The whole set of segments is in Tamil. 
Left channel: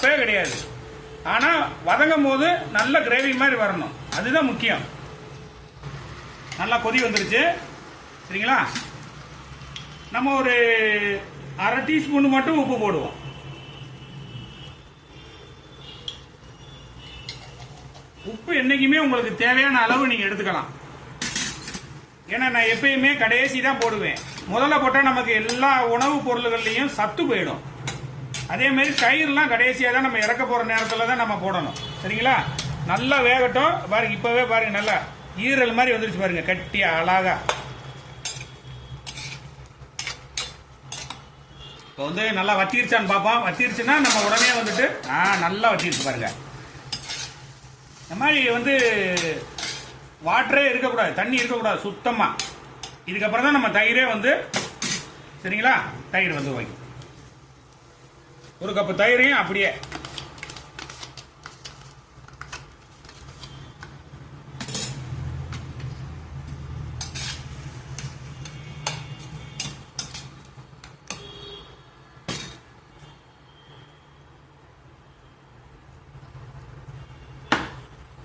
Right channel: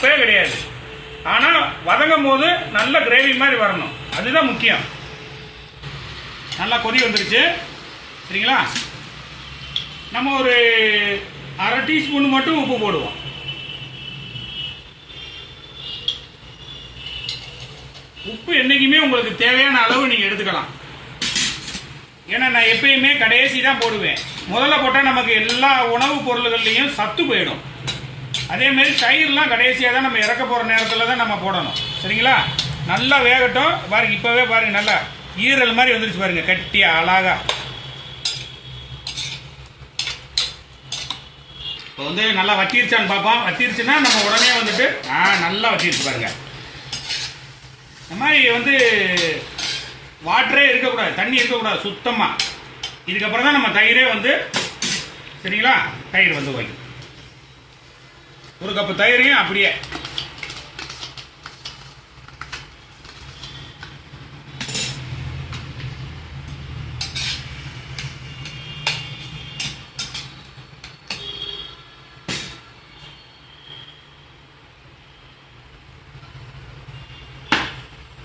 தப்பே கிடையாது. ஆனால் வதங்கும் போது நல்ல கிரேவி மாதிரி வரணும், அதுதான் முக்கியம். நல்லா கொதி வந்துருச்சு சரிங்களா. நம்ம ஒரு அரை டீஸ்பூன் மட்டும் உப்பு போடுவோம். உப்பு என்றைக்குமே உங்களுக்கு தேவையான அளவு நீங்கள் எடுத்துக்கலாம். ஏன்னா நான் எப்பயுமே கடைசி தான் போடுவேன். முதல்ல போட்டால் நமக்கு எல்லா உணவுப் பொருள்கள்லையும் சத்து போயிடும். அதேமாரி தயிர்லாம் கடைசியாக தான் நம்ம இறக்க போகிற நேரத்தில் தான் நம்ம போடணும் சரிங்களா. நல்லா வேகட்டும். பாருங்கள், இப்போவே பாருங்கள், நல்லா ஈரல் மாதிரி வந்துருச்சு பாருங்கள், கட்டியாக அழகா. இப்போ வந்து நல்லா வச்சிருச்சான்னு பார்ப்போம். வச்சிருச்சுன்னா நம்ம உடனே வந்துட்டு நல்லா வச்சிருச்சு பாருங்கள். இந்த மாதிரி வந்து வாட்டரே இருக்கக்கூடாது, தண்ணி இருக்கக்கூடாது சுத்தமாக. இதுக்கப்புறம் தான் நம்ம தயிரே வந்து சரிங்களா. தயிர் வந்து வைக்கும். ஒரு கப்பு தயிரையும் அப்படியே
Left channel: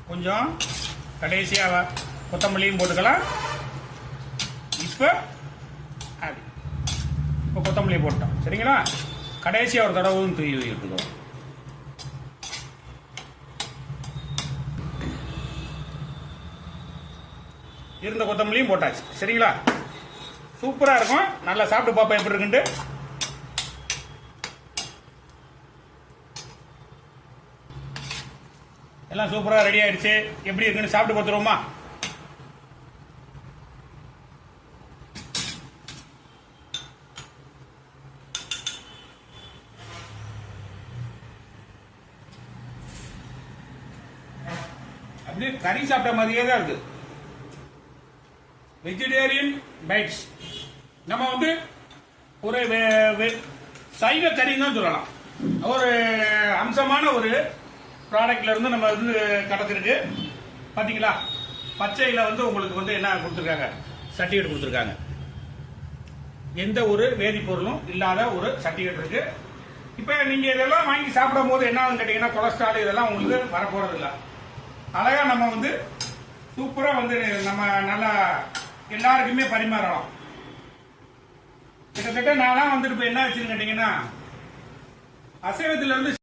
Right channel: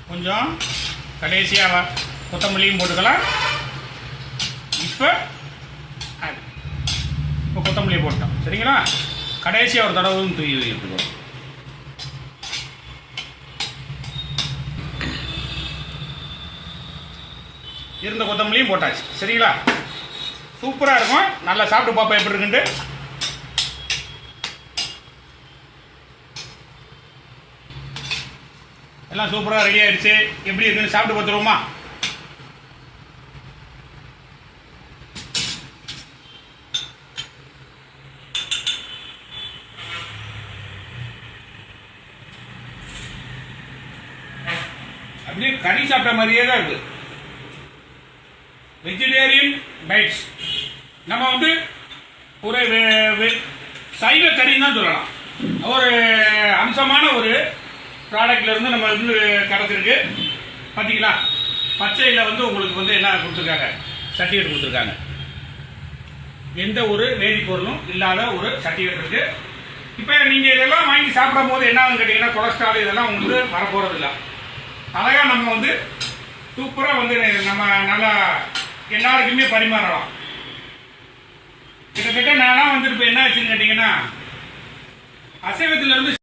கொஞ்சம் கடைசியாக கொத்தமல்லியும் போட்டுக்கலாம். இப்போ கொத்தமல்லி போட்டோம் சரிங்களா. கடைசியாக ஒரு தடவும் தூவி எடுத்துக்கோ. இருந்த கொத்தமல்லியும் போட்டாச்சு சரிங்களா. சூப்பராக இருக்கும். நல்லா சாப்பிட்டு பார்ப்போம் எப்படி இருக்குன்ட்டு. எல்லாம் சூப்பராக ரெடி ஆயிடுச்சு. எப்படி இருக்குன்னு சாப்பிட்டு பார்த்துருவோமா. அப்படியே கறி சாப்பிட்ட மாதிரியே தான் இருக்கு. Vegetarian bites. நம்ம வந்து ஒரு சைவ கறின்னு தான் சொல்லலாம். ஒரு அம்சமான ஒரு ப்ராடக்ட்ல இருந்து நம்ம வந்து கிடச்சிருக்கு பார்த்தீங்களா. பச்சையில் வந்து உங்களுக்கு வந்து என்ன கொடுத்துருக்காங்க, சர்டிஃபிகேட் கொடுத்துருக்காங்க. எந்த ஒரு வேதிப்பொருளும் இல்லாத ஒரு சர்டிஃபிகேட் இருக்கு. இப்போ நீங்கள் இதெல்லாம் வாங்கி சாப்பிடும் போது என்ன கேட்டிங்கன்னா கொலஸ்ட்ரால் இதெல்லாம் உங்களுக்கு வரப்போகிறது இல்லை. அழகாக நம்ம வந்து சூப்பராக வந்து நம்ம நல்லா எல்லாருக்குமே பரிமாறலாம். கிட்டத்தட்ட நான்லாம் வந்துட்டு இப்போ என்ன ஆச்சுன்னு கேட்டிங்கன்னா அசைவத்திலேருந்து